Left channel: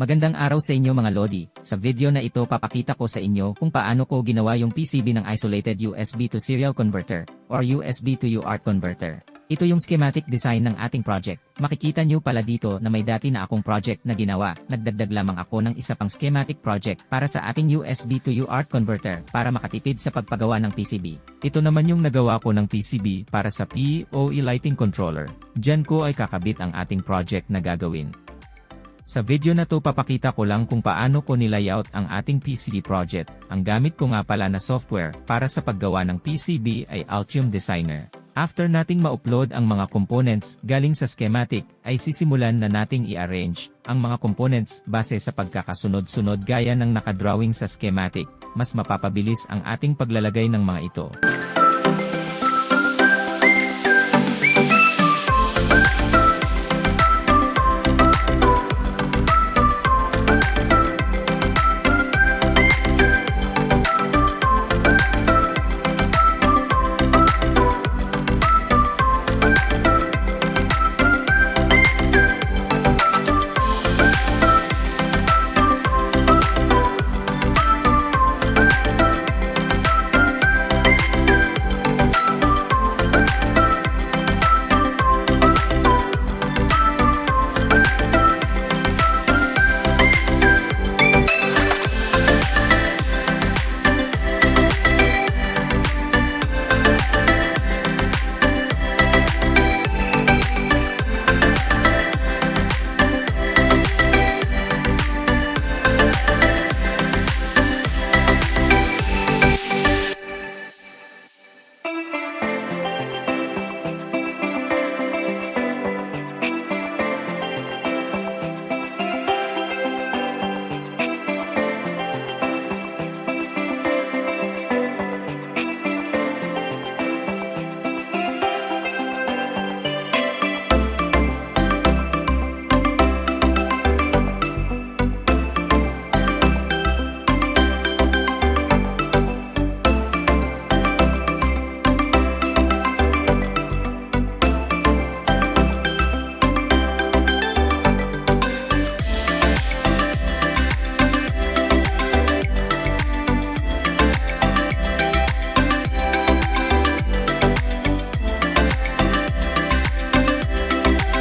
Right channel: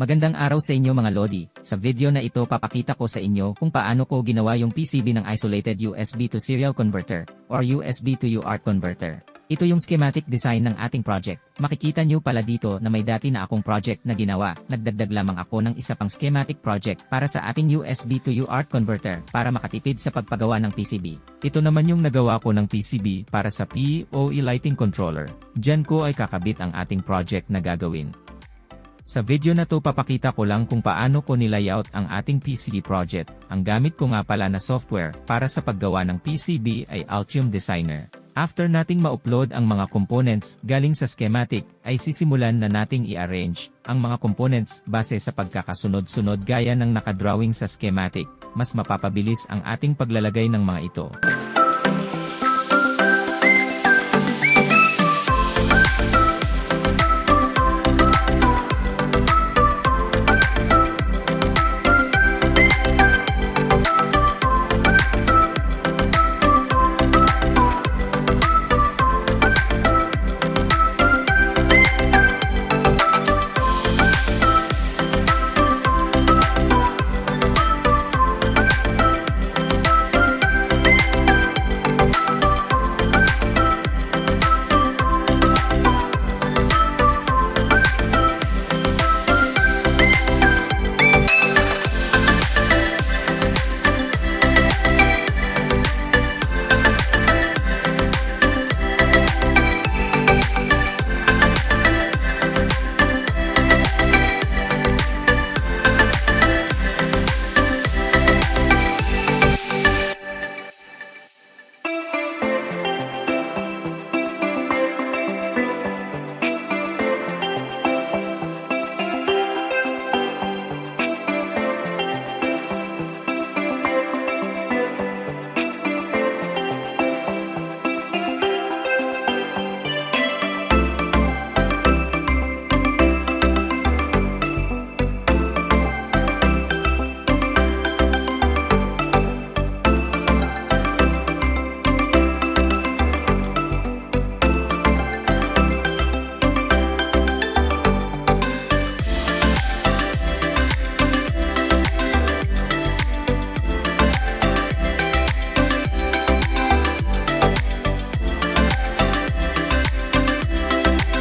Magandang araw sa inyo mga Lodi. Sa video na ito papakita ko sa inyo kung paano ko ginawa yung PCB ng isolated USB to serial converter or USB to UART converter. Ito yung schematic design ng ating project. Makikita nyo pala dito na may dati na akong project na ginawa. Nagdagdag lamang ako ng isa pang schematic project para sa ating USB to UART converter para makatipid sa pagpagawa ng PCB. Ito naman yung nagawa ko ng PCB para sa PoE lighting controller. Diyan ko ay kakabit ang ating project na gagawin. Sa video na to papakita ko lang kung paano ko nilayout ang ating PCB project. Ang gamit ko nga pala na software para sa paggawa ng PCB ay Altium Designer. After nating ma-upload ang mga components galing sa schematic, ay sisimulan na nating i-arrange ang mga components base sa pagkakasunod-sunod gaya ng nakadrawing sa schematic. Mas mapapabilis ang ating paglalagay ng mga ito.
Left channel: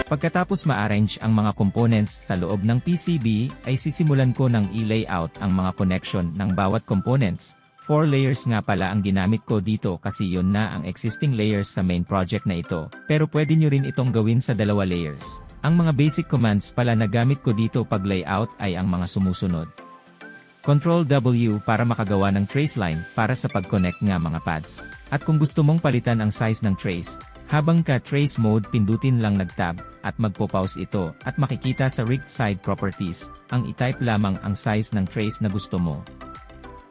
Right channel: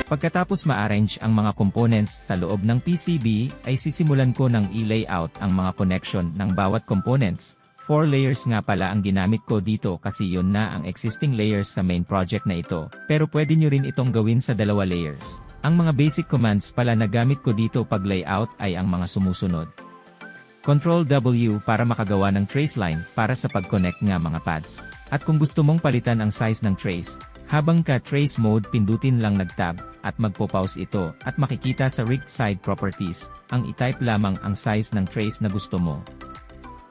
Pagkatapos ma-arrange ang mga components sa loob ng PCB, ay sisimulan ko ng i-layout ang mga connection ng bawat components. 4 layers nga pala ang ginamit ko dito kasi yun na ang existing layers sa main project na ito, pero pwede nyo rin itong gawin sa 2 layers. Ang mga basic commands pala na gamit ko dito pag layout ay ang mga sumusunod. Ctrl W para makagawa ng trace line para sa pag-connect nga mga pads. At kung gusto mong palitan ang size ng trace, habang ka trace mode pindutin lang nag-tab, at magpo-pause ito, at makikita sa rigged side properties, ang i-type lamang ang size ng trace na gusto mo.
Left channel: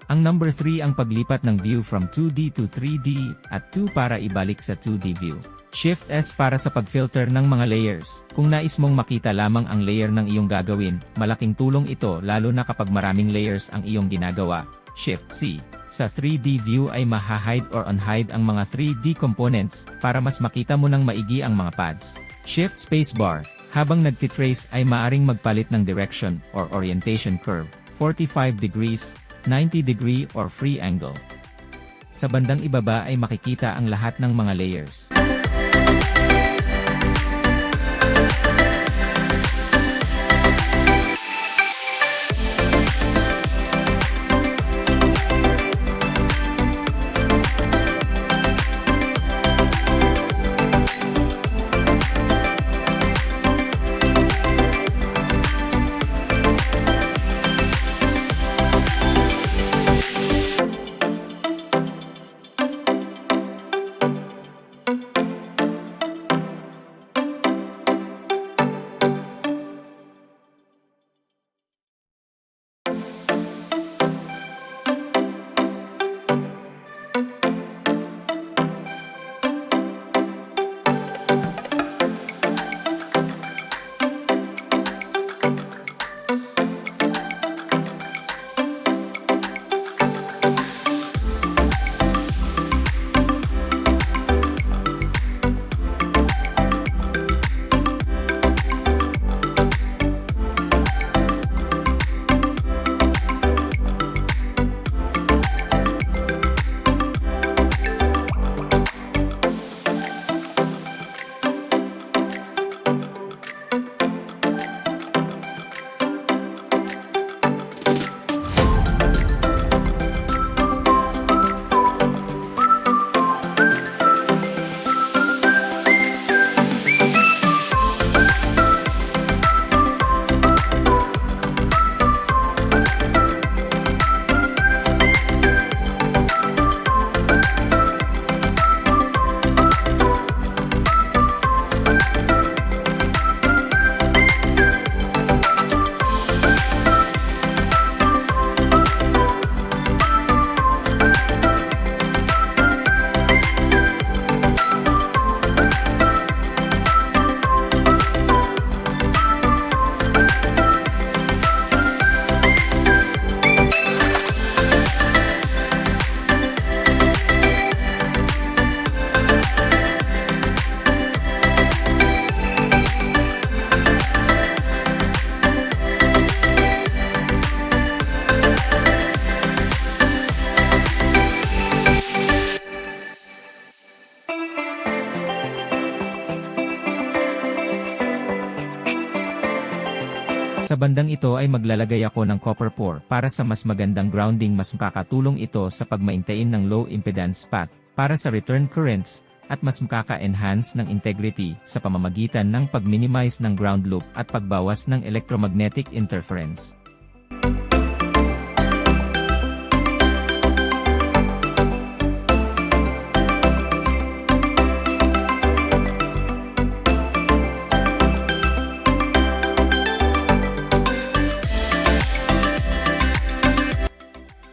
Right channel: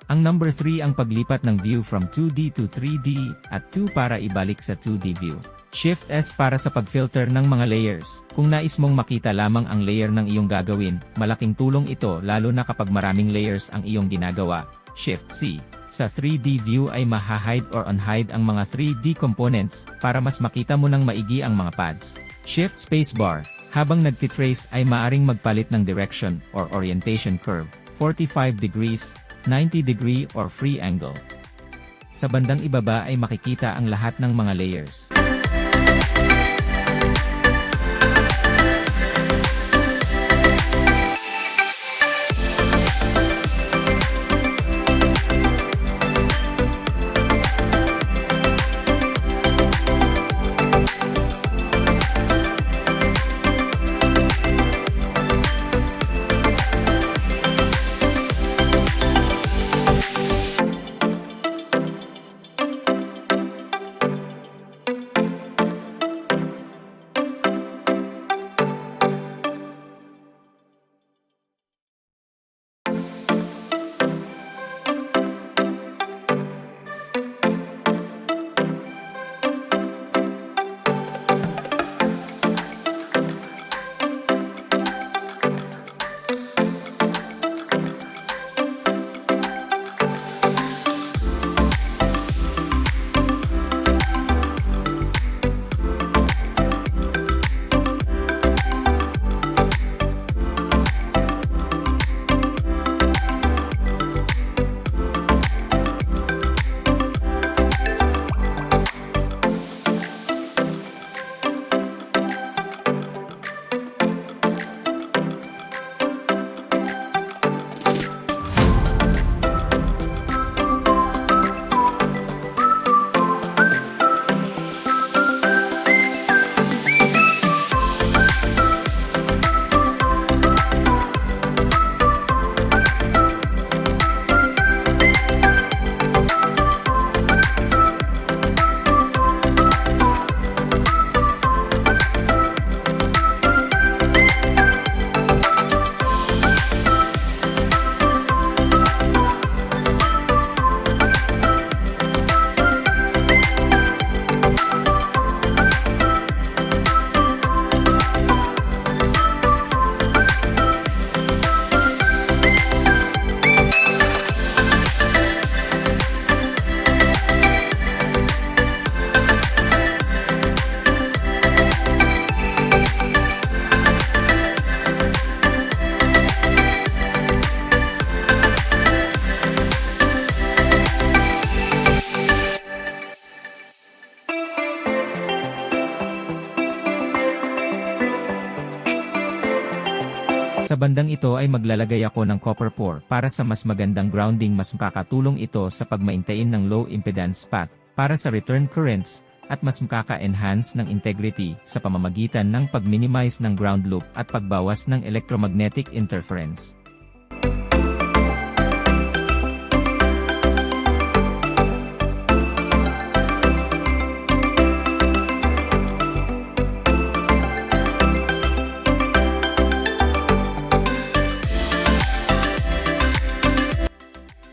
Ang number 3 ang paglipat ng view from 2D to 3D, at 2 para ibalik sa 2D view. Shift S para sa pag-filter ng mga layers. Kung nais mong makita lamang ang layer ng iyong gagawin, malaking tulong ito lalo na kapag maraming layers ang iyong ginagawa. Shift C. Sa 3D view ay maha-hide or unhide ang mga 3D components, para mas makita mo ng maigi ang mga pads. Shift spacebar. Habang nagtitrace ay maaring magpalit ng direction or orientation curve, 45 degrees, 90 degree or free angle. Sa bandang ibaba ay makikita ang lahat ng mga layers. Sa bandang ito ay maglalagay ako ng copper pore para sa mas magandang grounding. Mas makakatulong ito sa pagmaintain ng low impedance path para sa return currents at mas makaka-enhance ng integrity sa pamamagitan ng pag-minimize ng ground loop at pagbawas ng electromagnetic interference.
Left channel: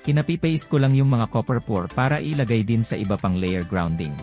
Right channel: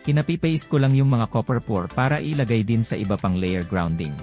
Kinapipaste ko lang yung mga copper pore para ilagay din sa iba pang layer grounding.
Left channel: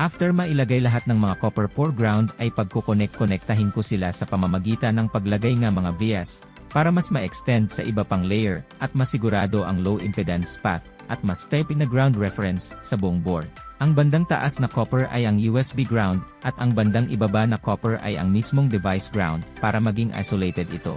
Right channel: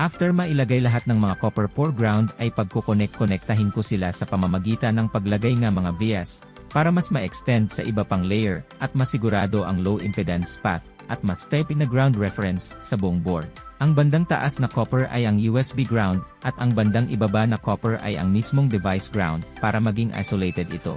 After mailagay lahat ng mga copper pore ground ay pagkukonek-konektahin ko sila sa pamamagitan ng paglagay ng mga vias, para mas ma-extend sa iba pang layer, at masigurado ang low impedance path, at mas steady na ground reference sa buong board. Ang bandang taas na copper ay ang USB ground, at ang bandang ibaba na copper ay ang mismong device ground, para maging isolated ito.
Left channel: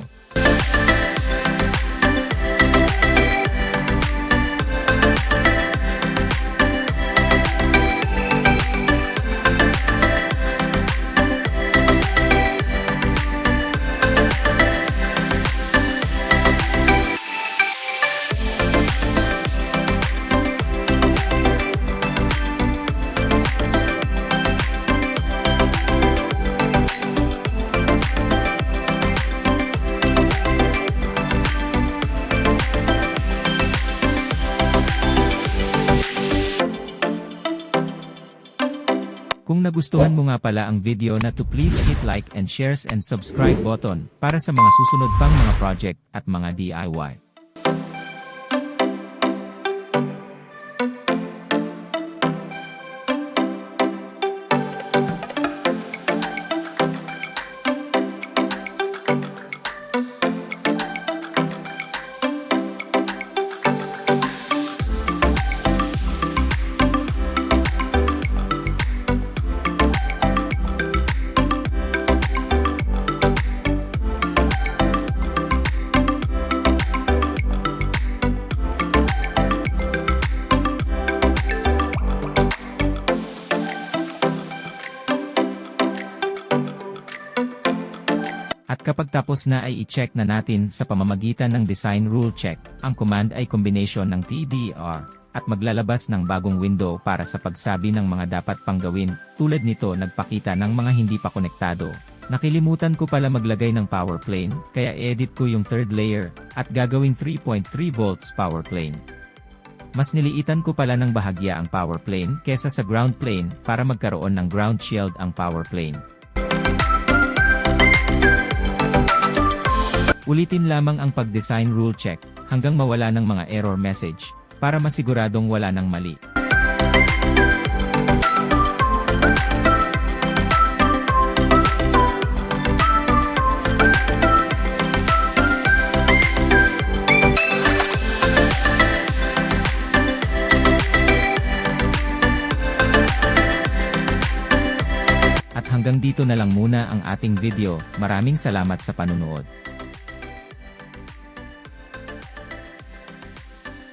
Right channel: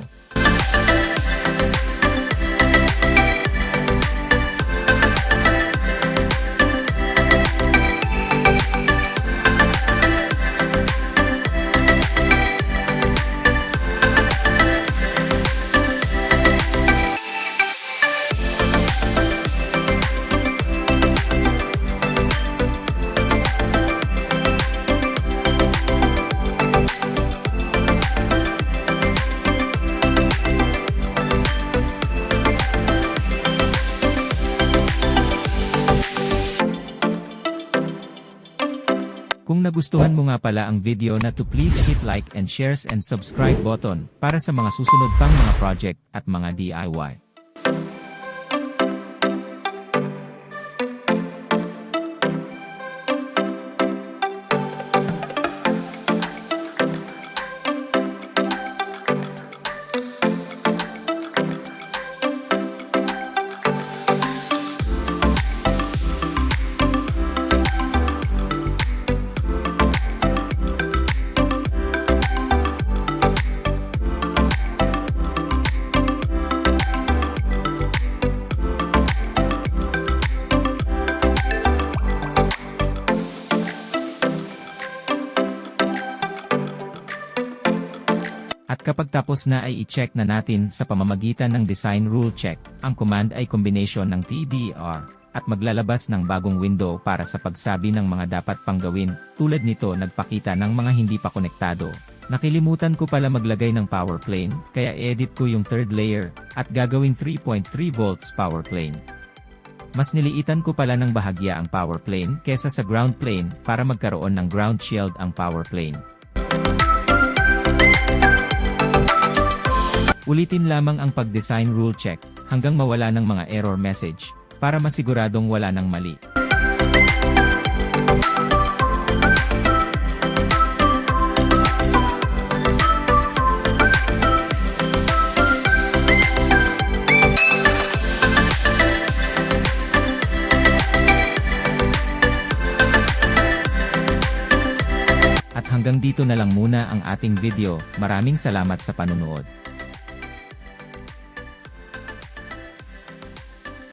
Kung nagustuhan mo nga pala ang video na to, please hit like and shares and subscribe button para sa mga susunod pang mga project at mga DIY. At kapag tapos na ay i-check na natin sa pamamagitan ng design rule check. Ang command ay combination ng TDR at maglalabas ng bagong window para sa pagsabi ng mga dapat pang gawin. Tulad nito, nagpakita ng mga hindi pa konektado. Nakilimutan ko pala maglagay ng power plane, kaya edit ko yung third layer at gagawing 3.3 volts power plane. Mas niliitan ko pala ng bahagya ang power plane kesa sa ground plane para magkaroon ng ground shield ang power plane. Ulitin lamang ang pag-design rule check hanggang mawala ng mga error message para masiguradong wala ng mali. At hanggang dito na lang muna ang ating video. Maraming salamat sa panunood.